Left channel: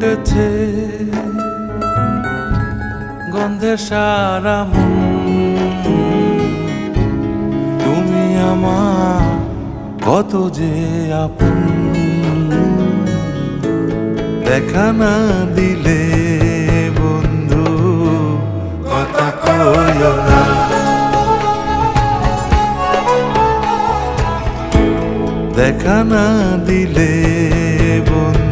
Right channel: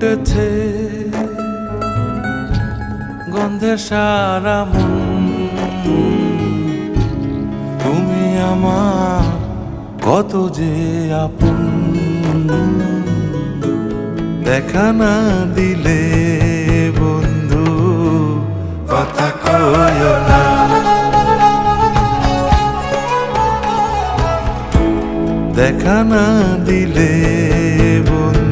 উঠেছে গন্ধে সারা মন। তুমি আমার কত যে আপন, দেখা না দিলে বন্ধু কথা কইও না। দেখা না দিলে বন্ধু